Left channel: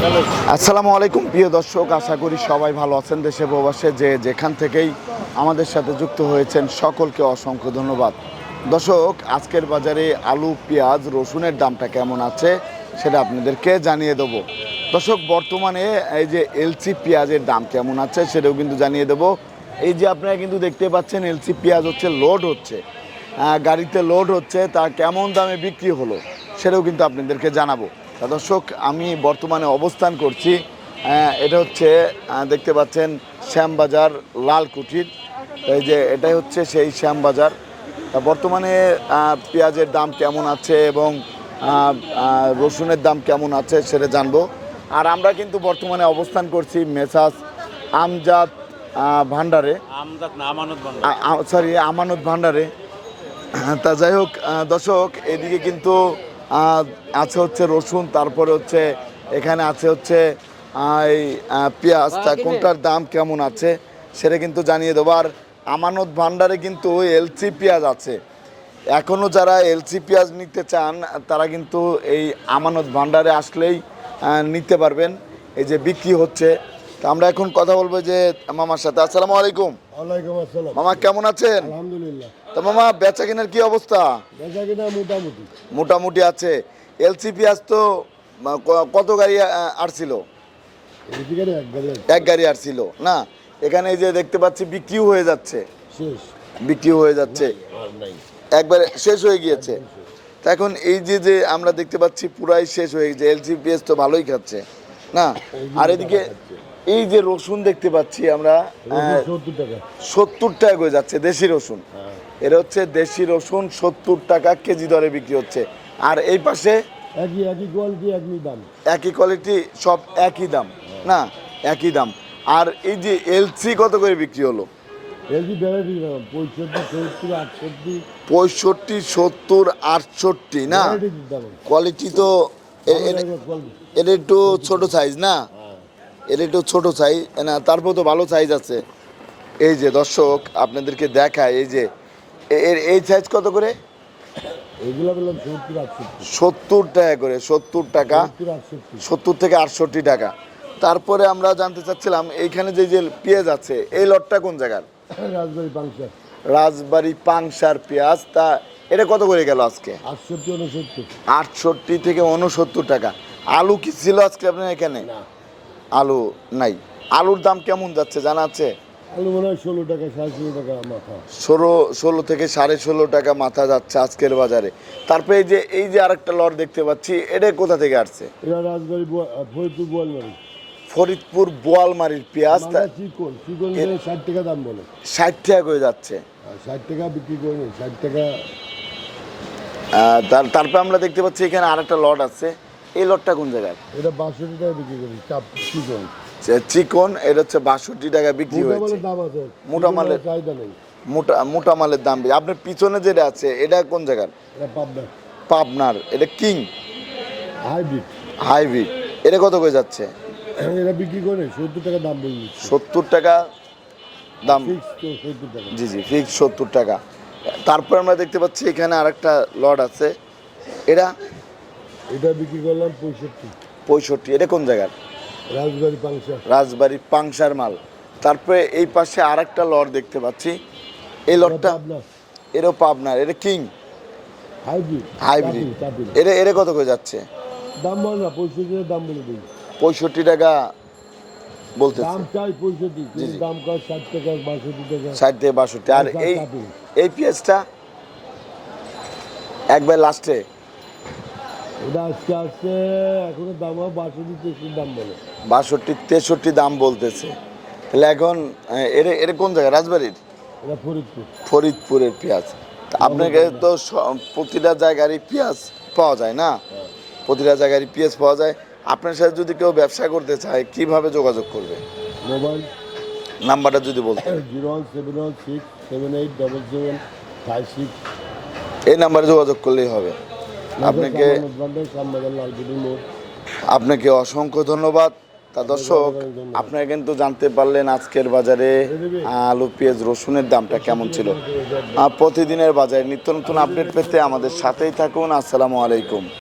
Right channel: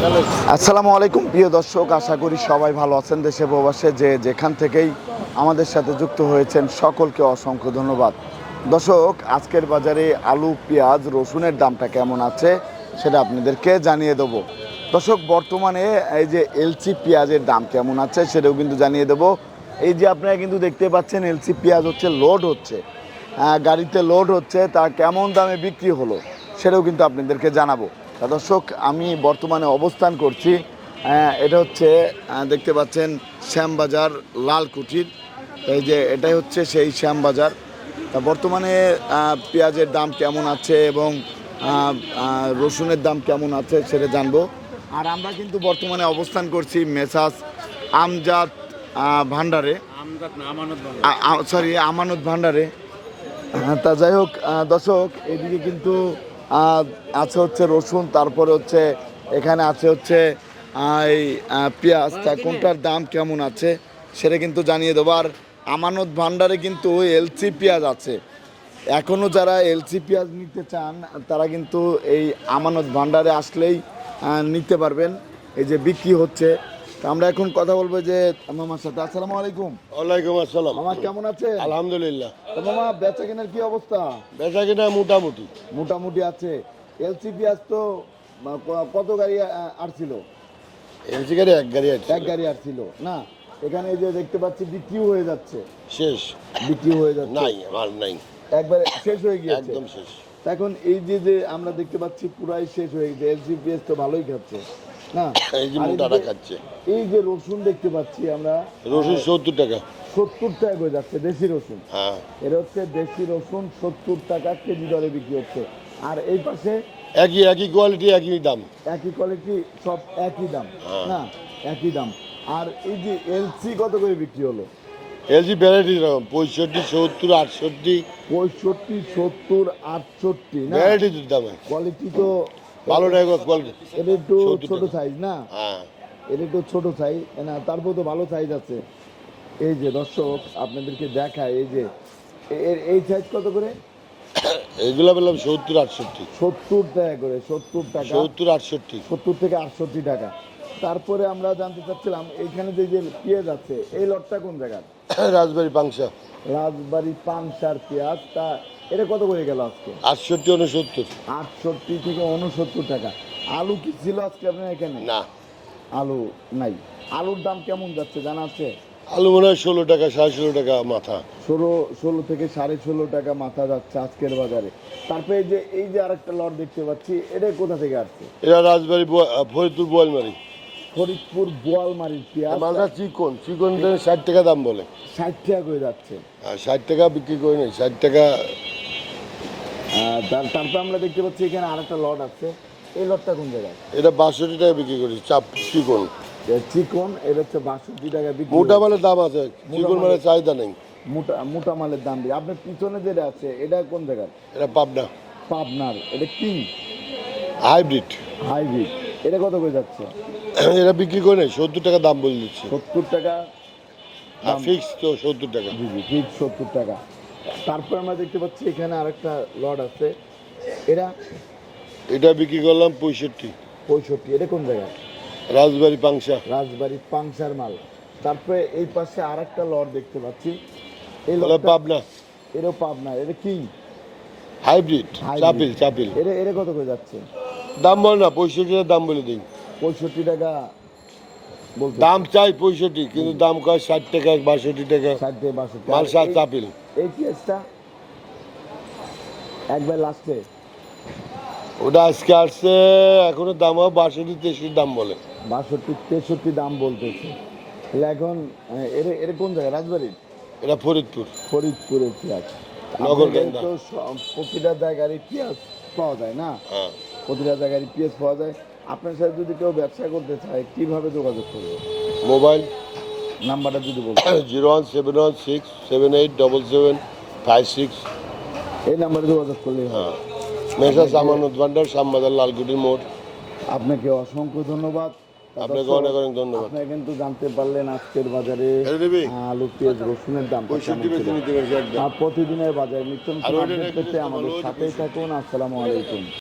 আসসালামু আলাইকুম, প্রিয় দর্শক, আশা করি সবাই ভালো আছেন দেশে প্রবাসে, যে যেখান থেকেই আমাদের সাথে যুক্ত হয়েছেন সকলকে অসংখ্য ধন্যবাদ। দর্শক, আজকের বাজারে আলু, পেঁয়াজ, রসুনের দামটা কেমন আছে সেটা আপনাদেরকে জানিয়ে দেবো। দর্শক, বর্তমানে এই যে এলসি পেঁয়াজের দাম কেমন আছে সেটাও কিন্তু জানিয়ে দেবো। এই যে আপনারা কিন্তু দেখতে পাচ্ছেন এলসি পেঁয়াজ হচ্ছে, লোড হচ্ছে। গাড়িতে লোড হচ্ছে, তা কেমন দামে বিক্রি হলো সেটাও কিন্তু আপনাদেরকে জানাব। দর্শক আমি বর্তমানে অবস্থান করছি এটা হচ্ছে দেখতে পাচ্ছেন শ্যামবাজার লালকুঠির। এই যে এটাই হচ্ছে সেই শ্যামবাজার। তা বর্তমানে পেঁয়াজের দাম কেমন আছে এবং রসুনের দাম কেমন আছে সেটা জানব। আর আমরা কিন্তু বর্তমানে অবস্থান করছি মেসাজ আমজাদ ভান্ডারে। সরি আমানত ভান্ডারে। তা যাই হোক দর্শক এদিকে কিন্তু আছে হচ্ছে রসুন তারপরে হচ্ছে এখানে আছে হচ্ছে এই পেঁয়াজ। তা কোনটার দাম কেমন আছে সেটা কিন্তু জানিয়ে দেবো। আর আমানত ভান্ডারে কিন্তু এলসি পেঁয়াজ আছে। এখনও যারা এলসি পেঁয়াজ নিতে চান তারা কিন্তু এই আমানত ভান্ডারে আসলেই নিতে পারবেন। এই যে বিক্রি হচ্ছে। তা আমরা এখন কথা বলব যে মামার সাথে। আসসালামু আলাইকুম। ওয়ালাইকুম আসসালাম। মামা কেমন আছেন? আলহামদুলিল্লাহ। তা মামা বেচা কেনার কি অবস্থা? বেচা কিনা মোটামুটি। মোটামুটি আছে। এলসি পেঁয়াজ তো কত গাড়ি আসছিল এলসি গাড়ি এক গাড়ি এক গাড়ি আসছিল না? এখানে এই যে দেখতে পাচ্ছি বিক্রিও হয়ে যাচ্ছে। শেষ। বিক্রি হয়ে যাচ্ছে। একবারে শেষ হয়ে গিয়েছে। এখন এই যে যে আমরা দেখতে পাচ্ছি পুরাই শেষ হয়ে গেছে। এলসি পেঁয়াজ তো ভালোই খাচ্ছে। না আর এদিকে এই যে রসুন দেখতে পাচ্ছি আমরা রসুন সত্তর টাকা। সত্তর টাকা হয়ে যাচ্ছে দেশি রসুন। হ্যাঁ। এটা হচ্ছে দেশি রসুন সত্তর টাকা কেজি দরে বিক্রি হচ্ছে। আর এই পাশে একই একই কোয়ালিটি একই দাম। একই কোয়ালিটি সব একই দাম। না একই দাম। আর এই যে এলসি কত করে বিক্রি হলো? এলসি ভ্যারাইটি পঁয়ষট্টি সত্তর আটষট্টি। পঁয়ষট্টি সত্তর আটষট্টি না? কোয়ালিটি তো কোয়ালিটি এটা একটু ছোট সাইজ না? হ্যাঁ। এটা একটু ছোট সাইজ না তারপর তো ভালো সাইজ আছে। এই যে দর্শক আপনাদেরকে দেখায় এই যে এর এই সাইজ কত করে? এগুলো বললাম সত্তর আটষট্টি। সত্তর টাকা করে সত্তর টাকা। সত্তর আটষট্টি। সত্তর থেকে আটষট্টি টাকা। তারপরে আমরা জানতে চাচ্ছিলাম এইখানে যে যে পেঁয়াজ আছে এই লটটা কোন জায়গার? রাজবাড়ি পাংশা। রাজবাড়ি পাংশার পেঁয়াজ তা এটা কত করে গেল আজকে? আটষট্টি উনসত্তর। আটষট্টি থেকে উনসত্তর টাকা। আলু কি ছিল আজকে আপনার এখানে? না। আলু নাই। আলুর দাম কেমন যাচ্ছে জানা আছে? আলু মনে হয় ষোলো টাকা সাড়ে ষোলো টাকা মাথা। ষোলো ষোলো থেকে সাড়ে ষোলো টাকা মাথা যাচ্ছে আজকের বাজারে। তারপরে এই যে এই যে আরেকটা লট দেখতে পাচ্ছি এটা কোথা থেকে আসছে? এটা রাজবাড়ি ফরিদপুর বোয়ালমারি। ফরিদপুর বোয়ালমারির পেঁয়াজ। মালটা চিকন চিকন ষাট টাকা দাম বলে। ষাট টাকা করে যাচ্ছে। ষাট টাকা বিক্রি করে নেই ষাট টাকা তারপরে আমরা দেখতে পাচ্ছি এখানে আরেকটা লট আছে। এই লটটা কোন জায়গায়? এটা বাষট্টি টাকা বিক্রি করি চাপ চিকন। চিকন এটা হচ্ছে বাষট্টি টাকা বিক্রি মোটা মালের দাম আছে মোটা মালের মালের- চাহিদা নেই। মোটা মোটা মালের দাম বেশি। আপনার পিছনে যেটা আছে এটা কোন জায়গার? এটা পাবনা। পাবনার। এটা কিং? হাইব্রিড। হাইব্রিড। এটা কত করে যাচ্ছে? এটা বিক্রি করে সত্তর টাকা দাম বলে দিচ্ছে। সত্তর টাকা দাম। ফিক্স তো সত্তর টাকা। জি জি ফিক্স সত্তর টাকা। তারপর আমরা দেখতে পাচ্ছি এখানে আরেকটা লট আছে। এটা এটা বিক্রি করলাম পঁয়ষট্টি। পঁয়ষট্টি এটা কোন জায়গার রাজবাড়ি পাংশা। রাজবাড়ি পাংশার মাল। তারপরে এই পাশে আরেকটা লট দেখতে পাচ্ছি। এই লটটা পাবনা। এরও পাবনার এটা কিং। Hybrid hybrid. চাপিল এটা এটা কত করে যাচ্ছে? দাম বল না পঁয়ষট্টি দাম বলে দিই। পঁয়ষট্টি টাকা বলতে দাম চাই পঁয়ষট্টি কিন্তু দাম কয় ষাট টাকা বাষট্টি টাকা? ষাট থেকে বাষট্টি। আর ষাট চাপিল এই পেঁয়াজটা একবার লাস্টে। ওটা আজকে আসছে এখনও দাম হয় বাষট্টি তেষট্টি দাম বলে। বাষট্টি তেষট্টি দাম বলতেছে। তাহলে এখন এর এর কোন জায়গা? রাজবাড়ির? এটা ফরিদপুর। ফরিদপুরের পেঁয়াজ। আপনাকে তো প্রতিটা জায়গারই পেঁয়াজ পাওয়া যায় না? হ্যাঁ। প্রতিটা জায়গারই পেঁয়াজ পাওয়া যায়। আপনার সাথে যদি কেউ ব্যবসা করতে চায় কীভাবে যোগাযোগ করবে? মোবাইল নাম্বারটা যদি বলতে zero one seven one six seven eight double seven five six. এই নাম্বারে যোগাযোগ করলেই হবে। আপনাকে- অসংখ্য ধন্যবাদ। দর্শক আপনারা কিন্তু জানতে পারলেন আজকের বাজারে আলু পেঁয়াজ রসুনের দামটা কেমন ছিল? প্রতিদিনের বাজারে নিত্য নতুন আপডেট পেতে আমাদের সাথেই থাকুন। আসসালামু আলাইকুম।